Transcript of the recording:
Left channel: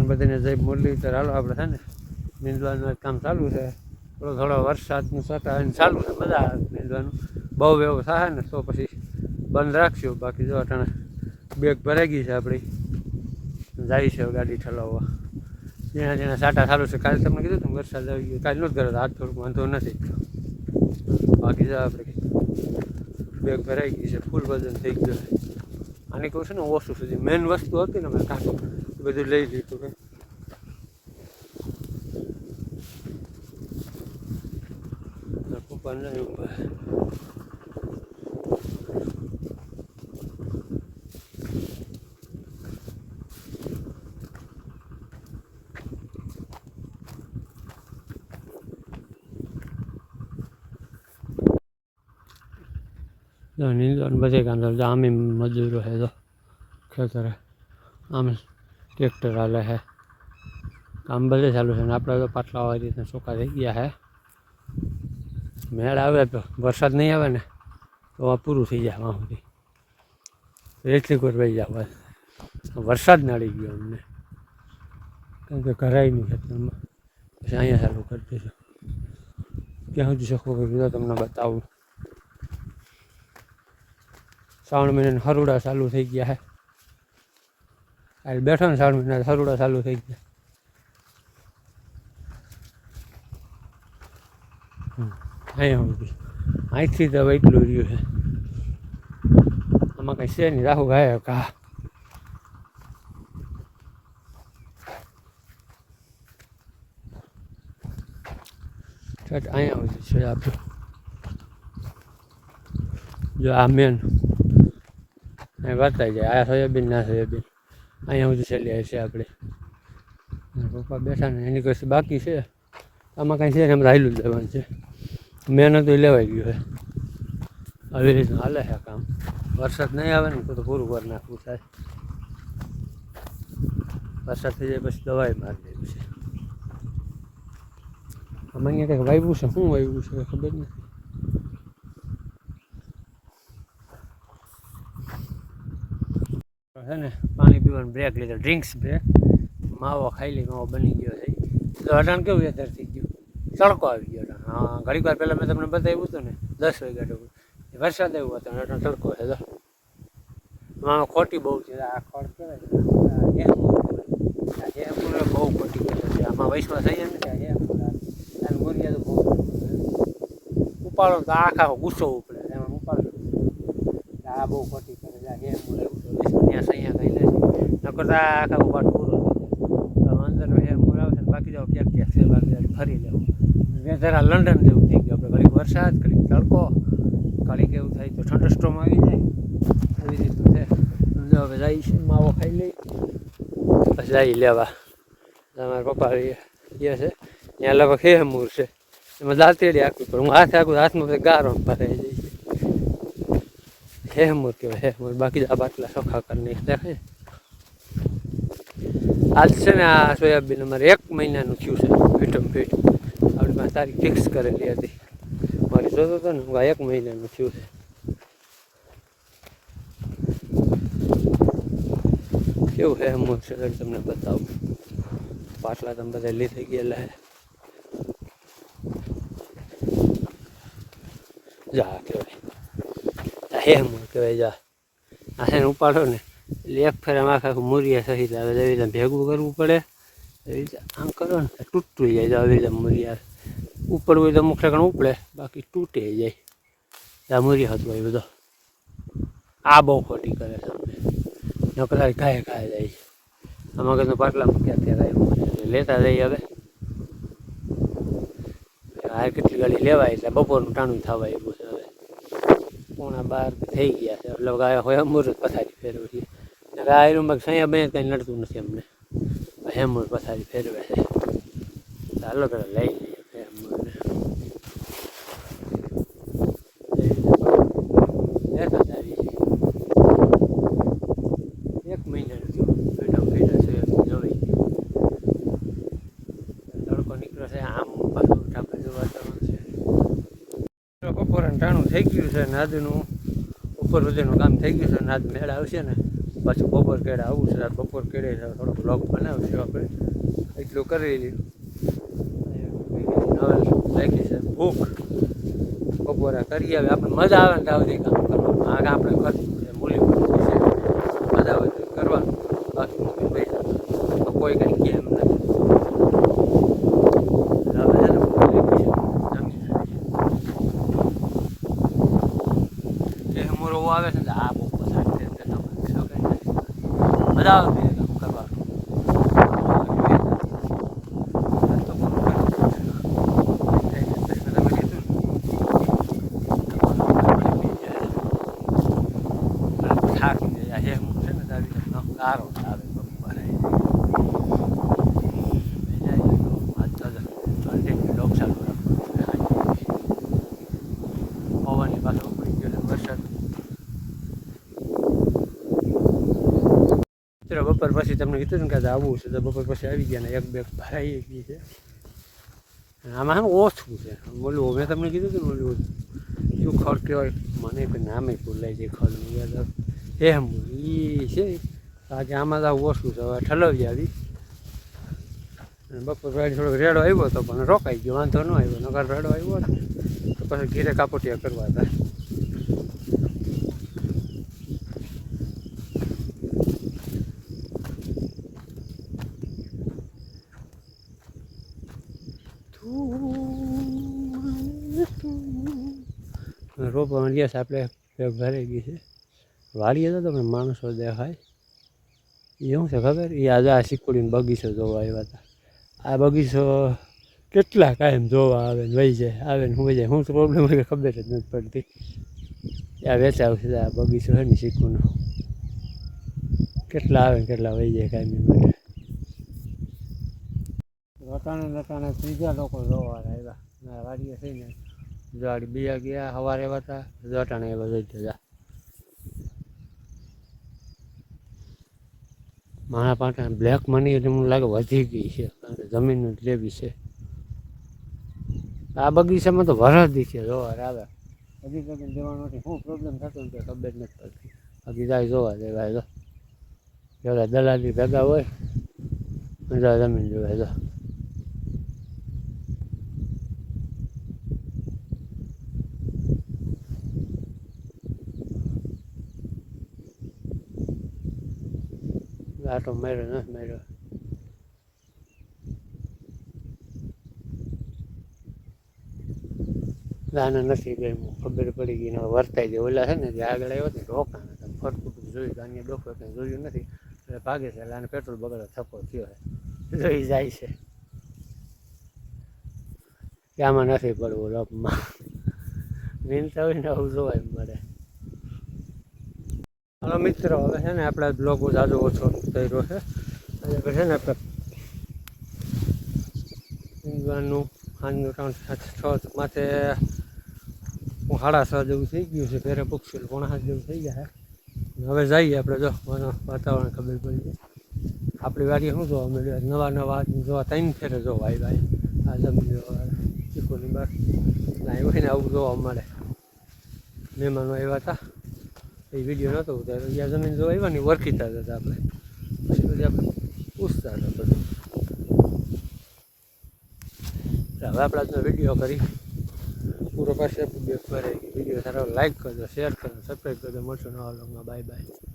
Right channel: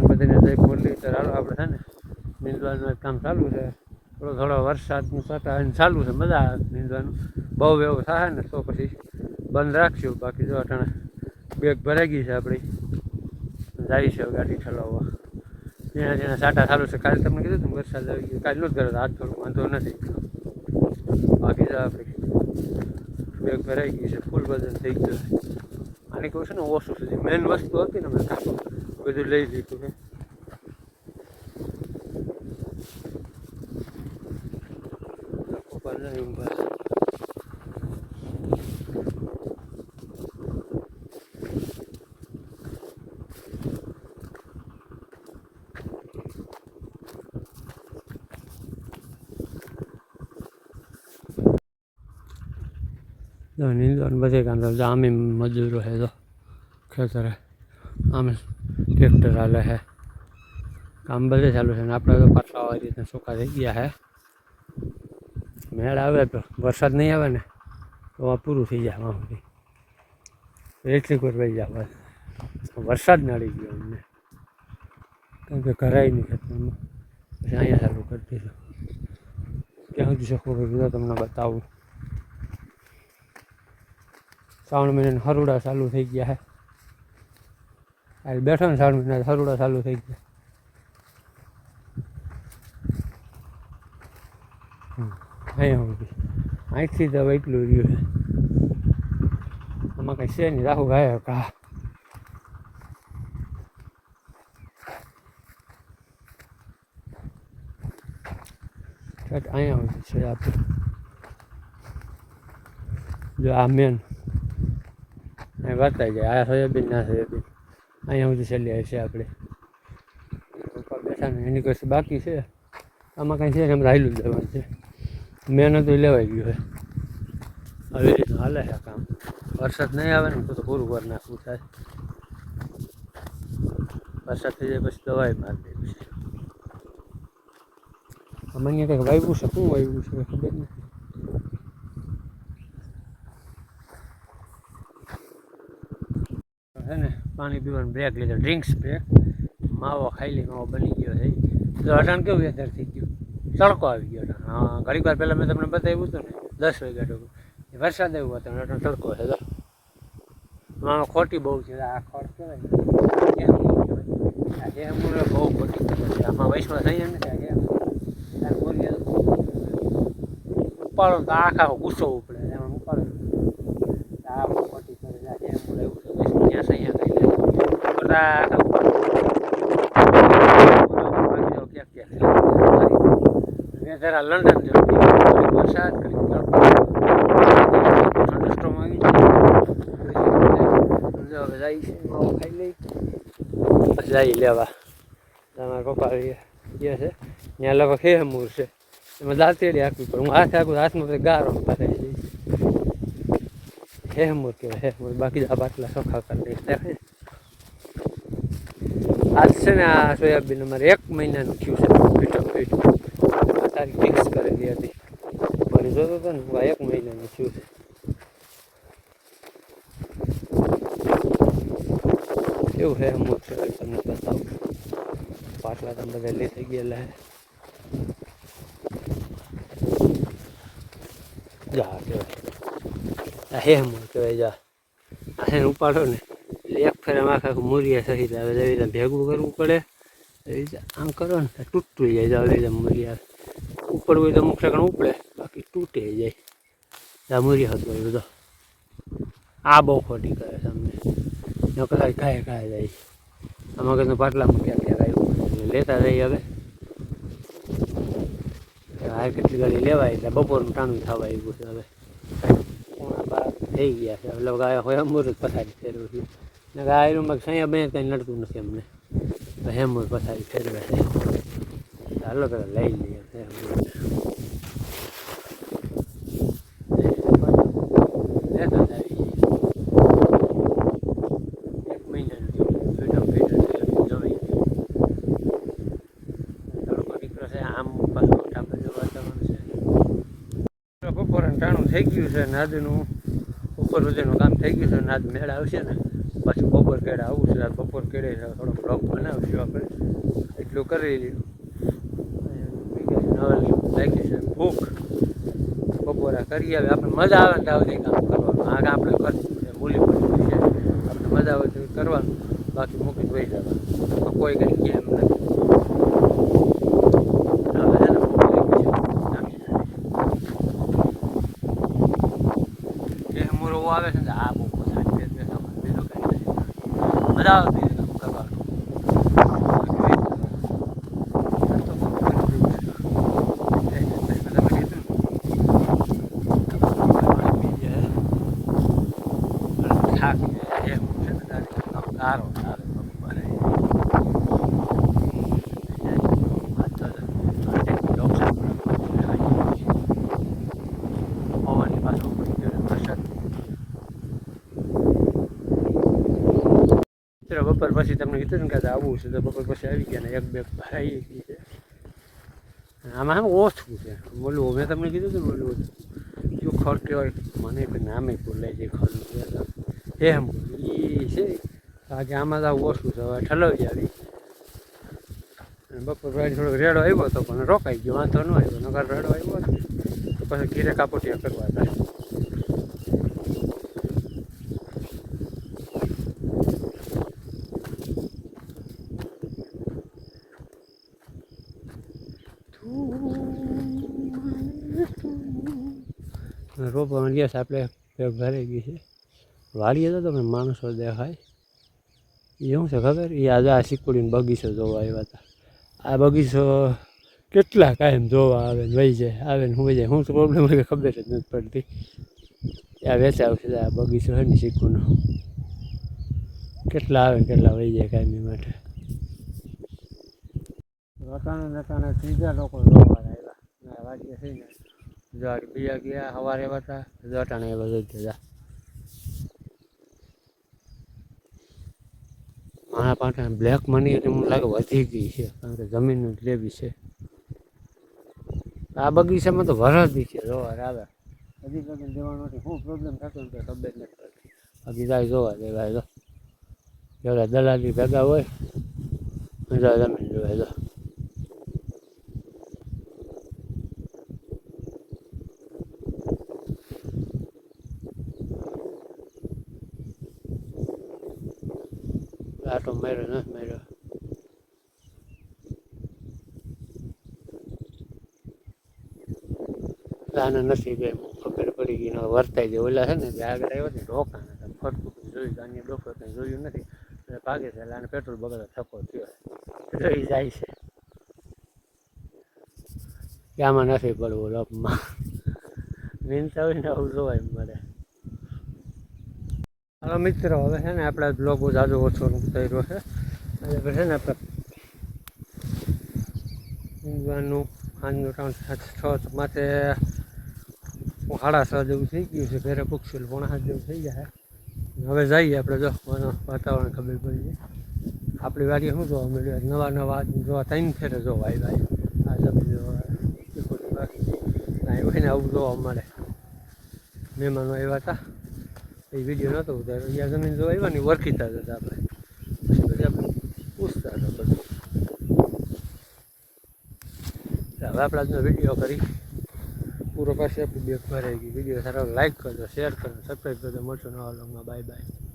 ને બધાને જય મુરલીધર. હાલો આપણે છે ને નીંદવાનું કામ ચાલુ છે. થોડો વરસાદનું સટા ચાલુ છે, મજા આવે નીંદવાનું. બહુ એવું થાય ને તો પછી બંધ રાખશું. બાકી જો અટાણે બેગ ભરાઈ ગઈ છે આપણી, જાય છે ગાડી ઠલાવવા. જેના જેના સાટા ચાલુ છે. કાલે તમને કીધું હતું વરસાદ આવી ગયો, કાલે નહોતું કર્યો, આજ થોડુંક વાંધો નથી. બાકી જો આપણે બેગ ભરાઈ ગઈ છે, ફૂલ વજન થઈ ગયું છે. આની કહું છે ને ઓછું સુધી મેન વસ્તુ હતી ને મેં કાંકો બધું લઈ લીધું કે નીંદવાનું બધે કામ ચાલુ. આમ મજૂરો છે તો ખેતરે, આમ ટ્રેક્ટર હાલે છે, કામ બધે ચાલુ છે. ને આપણે તો પાછા આવી રીતના સૂકા થઈ ગયા છે. મેળ આવે તો વરસાદ નહીં આવે ને તો આ પૂરું થઈ જાય. વાં સુધી એટલી કોઈ વહી જાય. વરસાદ નાળી ગયો અમને, કારણ કે ઘરાય નહીં ખેતરમાં. પછી અહીંયા ચાલુ કરી દીધું. ક્યાં સુધી શકું કીધું તમને બતાવું. શ્રાવણ મહિનાના હરુડા ચાલુ થઈ ગયા છે. હાલ બેઠો ને શ્રાવણ મહિના હરુડા ચાલુ થઈ ગયા. અહીંયા સુધી અહીંથી તો એટલું રહ્યું છે. આમાં કંઈ છે નહીં, રાહુ ગાય કા અહીંયા સુધી છે આપણે. જો આ મેન અહીં વર્તાઈ જાય. આ સોયાબીન ના સોયાબીન અહીંયા સુધી છેલ્લી છે આપણે. પપ્પા બેઠા ને એની કશું બાકી છે. આમાં કાંઈ છે ને એમ હાલું જ દેવાનું છે. મહેનત લેવાઈ ગયું છે. આવી રીતના હાલે છે કામ. વરસાદ નહીં આવે ને તો પૂરું કરી નાખવું થાય. વરસાદ થઈ જાય પછી દવાઈ મારી દેવી છે. મને કંઈક વાવ્યું છે, શું વાવ્યું છે ખબર નથી. છે ને પાણી પીવાનું બ્રેક લીધો, ડ્રિંક્સ બ્રેક. માવો ખાઈ લઈ, માવો બની ગયો છે. તો અટાણ કેવું વેધર થઈ ગયું, તડકો આવી ગયો. હા, ઘડીક વાર પહેલાં મેં તમને બતાવ્યું હતું ને 10 વાગ્યા વરસાદ આવ્યો હતો, અટાણ તડકો છે. તો આમાં ખોટી બહુ છે. આ ખોટ કહેવાય હેમૂર બહુ ખોટી કરે છે. આમાં વૈશ્વા થઈ ને મોરિયા તો બહુ ઉપાડો તો આખા ગુસ્સો ઉપડે. એમાં ઉપાડો આ બહુ ખોટી કરે છે. હેમૂર એવું છે વૈશ્વા ત્યાં સૈયા કઈ લે કરતા આખા ઉપાડો. બાકી જાઓ ક્યાંક ક્યાંક વેધર આ લંડન જેવું થઈ ગયું. કડીક વરસાદ, કડીક તડકો, થંડરસ્ટોર્મ આવી જાય. હવે જાય છે, માવો ખાઈ લઈ પછી જાય લેવા. તમારા પપ્પા ગયા છે ત્યાં લગભગ હેમૂર છે. એમાં દાંતેડી આખવી પડે. હું હાથે આખું હાથમાં ગારો પતાવી જઈશ. હેમૂર કહેવાય હેમૂર. બાકી આ બાટલા ચોખ્ખા કરીને દેખાય. આજ છે ને આ સોયાબીન અમારે 1 મહિનાનું થયું છે. ફીટો ફીટ આપણે તારીખ ફિક્સ કરેલી હતી. મારે જોતો હતો ને 1 મહિનાનું થયું છે. કેવું હેમૂર છે તમને બતાવું. પાટલા તમે બધા લી થઈ ગયેલા હે. જા કહેવાય હેમૂર કહેવાય. જા આ ઉપાડો ને એટલે એક ફેર આખા મૂરિયા સહિત આવે. એવી રીતે ભેગું કરવું પડે. એવી રીતે આમ કરો ને તૂટતું જાય. આવી રીતે મૂરિયા ઉપડવું હોય તો અમુક ઠેકાણ ઉપડે, બાકી તૂટે જાય. આ મૂરિયા હતું એ બધો. આ બહુ ખોટી કરે છે અમને. નકર કાંઈ જાય. આમાં કંઈ પાટલામાં ક્યાં ક્યાં આવ્યું એટલે લેતા જઈએ. હવે આ કેટલી ગાડી લેવાય એટલે બપોરનું ટાણું થવા આવ્યું છે. હવે 11:30 થઈ ગયા છે. એટલે ગાય હોય હેમૂર પથારી ફેરવું છે. ગાયનું સૈયા બે કંઈ નડતું નથી અમને. હેમૂર પથારી ફેરવે છે. ચાલો પેલા લઈ લઈએ હેમૂર. લેતા જ આવી 1 મહિનાનું થયું. ફીટો ફીટો જવાઈ ગયું. તડકો નીકળે છે. આમ પાછું ટાપે જેવું વાતાવરણ છે. બપોરે ટાણું થઈ ગયું છે. નાદનું ઉપર સુધીનું કામ થઈ ગયું છે. નાદ મેળ આવશે ને પાછું બપોર કેળે આવું છે. બપોર કેળે થોડો બ્લોગ બનાવીશું આપણે, એટલું કરી લીધું. હવે લાગી છે ભૂખ, બપોરે કરી આવે આપણે મજા આવે ને ત્યાં કામ કરવાનું. આગ આપણે કરશું છે મૂલી મજા આવે કરવાનું, બાકી મૂકી પૈસા કોઈ કંઈ કેમ નથી. હવે એને મોરો આવે છે ને આ બહુ સારી રીતે મજા આવે કામ કરવાનું. સારો આવે બપોરે પવનની પાછો ઉપડી ગયો વરસાદ. બપોર પછી તમને કીધું ને કે આવવું છે તો બપોર પછી આવી ગયા ને એક બેગ ભરાઈ ગઈ છે. આમાં આમ ઓછું છે બોલું. મેં તમને કીધું હતું બોલું શું ખડ કહેવાય મને તો નામે ભૂલાઈ જાય ખડ એમ બોલું એ છે. આજે આમાં તો ઓછું છે. હવે ઠલવી આવી બપોર પછી થોડોક રેડો આવ્યો હતો પણ રોકાઈ ગયો, વાંધો ન આવ્યો. નગર રેડો આવ્યો હતો તો પછી ઘીરે કાપોટિયા કરવા હતા. રોપવામાં ગયા છે આપણે પેગ ભરાઈ ગઈ છે. વાડીએ તો તમને માણસો દેખાય એ શું છે ખબર? એ આજે આ શીકુડીનો બગીચો જોવા આવ્યા હતા. આ બગીચો કેટલા કાયમ જોવા આવે ને વહી જાય, આવે ને વહી જાય. શું પ્રોબ્લેમ હોય ખબર જ નથી પડતી. આ વેચાય આવશે આ બગીચો છે ને શીકુનો, કેટલા આવે ને કેટલા વહી જાય કાયમી માટે. રટાણે નટાણે ત્રીજા લોકો જોવા આવ્યા વાડીએ થઈને. જો બીજા ગયા સવારે આવ્યા હતા, રટાણે એવા જોઈ જતા. મારા પાસે બ્લેક મની એટલે મને લાગે વધી ગઈ છે, કારણ કે જમીનનું લેવી છે. આ બગીચામાં તો વરદી છે જોવા આવે. હજી લગન દેવાનું નથી. શું પ્રોબ્લેમ થતો ને ખબર નથી પડતી. બાકી જાય જોવા દેવાય તો પેલા દલાલી ભેગા હોય મજા જમીન જોવાય તો. આટો માર્યો નથી માર્યો. આને નથી ગઈ ખબર પડી ગઈ વર્તાઈ જાય. ઓલા છે ને જે આગળ આવ્યો ને રોકા નથી ફરતું બધું જોયું તો અહીંયા ડોફર કંઈ જોયું નથી એટલે ભાગે છે. એટલે આને પેટ્રોલ બગડે થકો થયો છે જોઈ જાય છે કે આમાં નથી પડવું લપમાં. મીનતા હોય ને આવું જોવાય મળે. હાલો મિત્રો, હવે છે ને આપણે બ્લોગ જાજો ઓછો કર્યો છે. એટલે છે ને ઈંગવાનું આજનું ટાઉન 6 માટે 6:30 જેવું થઈ ગયું છે. ઘરે પૂછશું 5:30 જેવું થઈ ગયા છે. હવે જઈએ આપણે. જો વાતાવરણ ખબર પડી ગઈ. આપણી વાડીએ શું જોવા મળ્યું? નવા નવા જોવા 3 ફેરે જોવા આવ્યા. આ જમીન જોવા ચીખોની બાકી એવું હોય ને આવું જોવા મળે. મહેમાનો આવ્યા હતા એ વિડીયો નહોતો ઉતાર્યો. અહીંયા જમીન જોવા આવ્યા ને ઓળખીતા હતા આપણે. પછી બધી આપણે પૂછતા હતા બધું. હવે આપણે આજનો વિડીયો કરી પૂરો પાસે વિડીયો સારો લાઈક કરજો, શેર કરજો, સબસ્ક્રાઈબ કરજો. મળશું નવા વ્લોગમાં. Bye bye.